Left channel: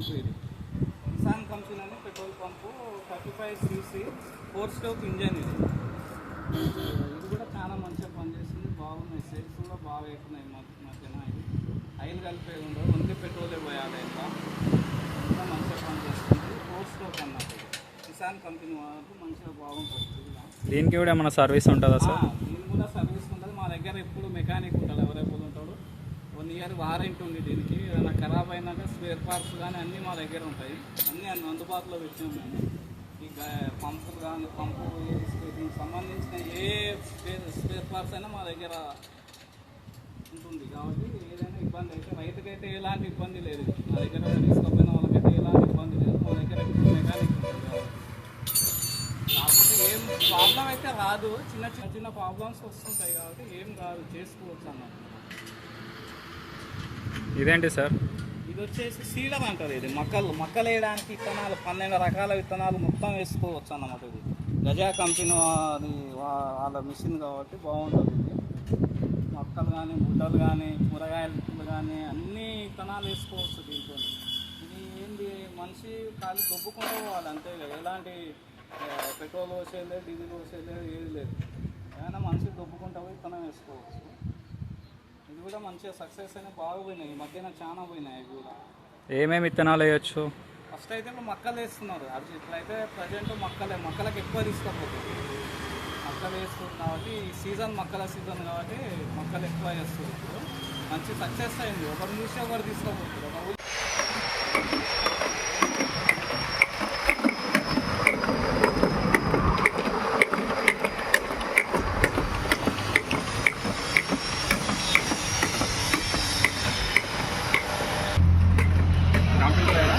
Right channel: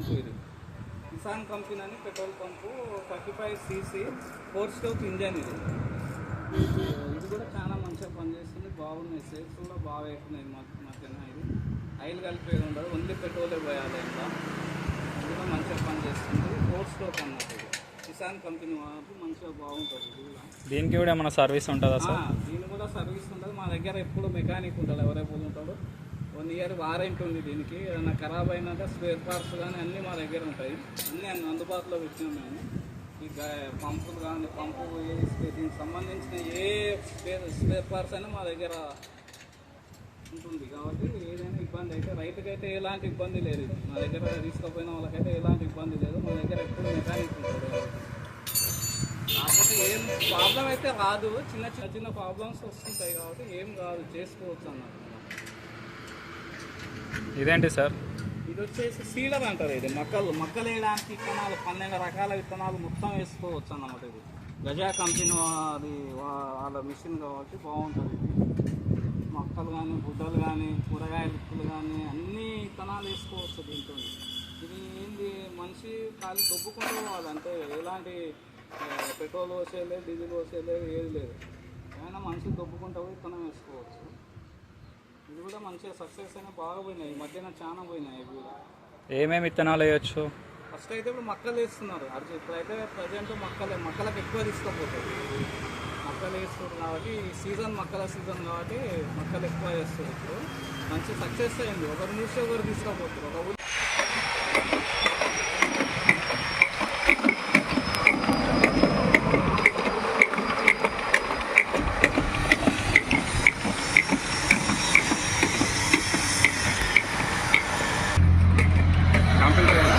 పంపు ఇది. కిసాన్ కంపెనీ అని petrol pump 35cc 4-stroke engine ఇది. ఇది కూడా చాలా మంచిగా పనిచేస్తుంది, బాగున్నాయి. సేఫ్స్ కూడా బాగా అవుతున్నాయి మధ్యన. ఇది ఆయిల్ కలిపేది ఉండదు, ఓన్లీ పెట్రోల్ పోయాలి. ఇంకా అది కూడా మంచిగా పనిచేస్తుంది. 4-stroke అన్నట్టు ఇది. కిసాన్ కంపెనీ వాళ్ళకు మంచిగా బాగుంటుంది. దీనికి కూడా ఏమైనా సర్వీస్ ఉంటుందా సార్? దీనికి కూడా సర్వీస్ ఉంటుంది. మా దగ్గర ఎప్పుడు మెకానిక్ ఉంటాడు, అవైలబుల్ ఉంటాడు. 1 year వారంటీ ఉంది దీనికి. ఏదైనా ఖరాబ్ అయినాక స్పేర్ పార్ట్స్ కానీ అన్నీ మా దగ్గర ఉంటాయి. అన్నీ అందుబాటులో పెట్టి ఉన్నాము. ఈ పంపులు కానీ దీనికి సంబంధించిన ఏ స్పేర్ పార్ట్స్ అయినా మా దగ్గర ఉంటుంది. కాబట్టి ఏదైనా ఇబ్బంది అయితే రైతుకి అయితే ఎలాంటి ఇబ్బంది లేదు. మా దగ్గర తీసుకుపోయిన వాళ్ళకైతే ఎలాంటి ఇబ్బంది లేదు. మా దగ్గర ఎప్పుడు మెకానిక్ ఉంటుంది. కాకపోతే ఏం ప్రాబ్లం అయితే రాదు, చిన్న ప్రాబ్లమ్స్ వస్తుంటాయి. కాబట్టి ఏం కాదు, చేసుకోవచ్చు అన్నమాట. ఇదేంటి సార్? ఇది వచ్చేసి సీడర్ అంటారు. ఇది మొక్కలు వేయడానికి విత్తనాలు 12 రకాల విత్తనాలు మొత్తం వేసుకోవచ్చు అన్నమాట. ఇది గజా కంపెనీ అది వాళ్ళ మిషన్ కాబట్టి బాగుంటుంది. ఇది మొక్కలు కానీ బుడ్డలు కానీ కూరగాయల విత్తులు కానీ అన్ని విత్తనాలు వేసుకోవచ్చు దీంతో. ఇది ఏంది, మనిషి ఖాళీ దొబ్బుకుంటూ పోవాలి అంతే. ఎలాంటి పెట్రోల్ పోసేయలేదు, డీజిల్ పోసేయలేదు, ఏది లేదు. ఏమైనా మనిషి దొబ్బుకుంటూ విత్తనం వేసుకోవచ్చు. ఇది కూడా మంచిగా సక్సెస్ అయినా బాగా పోయినాయి. ఈ మధ్యన చాలా పోయినాయి. ఇవి కూడా ఏమేమి విత్తనాలు వేయచ్చు? ఫస్ట్ అయితే ఇప్పుడు మొక్కలు వేస్తున్నారు. ఇప్పుడైతే ప్రజెంట్ మొక్కలకు ఎక్కువ తీసుకుపోతుంది. మొక్కలు వేస్తుంది కాబట్టి ఈ సీజన్ మొక్కల సీజన్ కాబట్టి మొక్కలు ఎక్కువ వేస్తారు. ఇప్పుడు మంచి సక్సెస్ అయింది. ఒకరు చూసి ఒకరు తీసుకుపోతారు. కంప్లీట్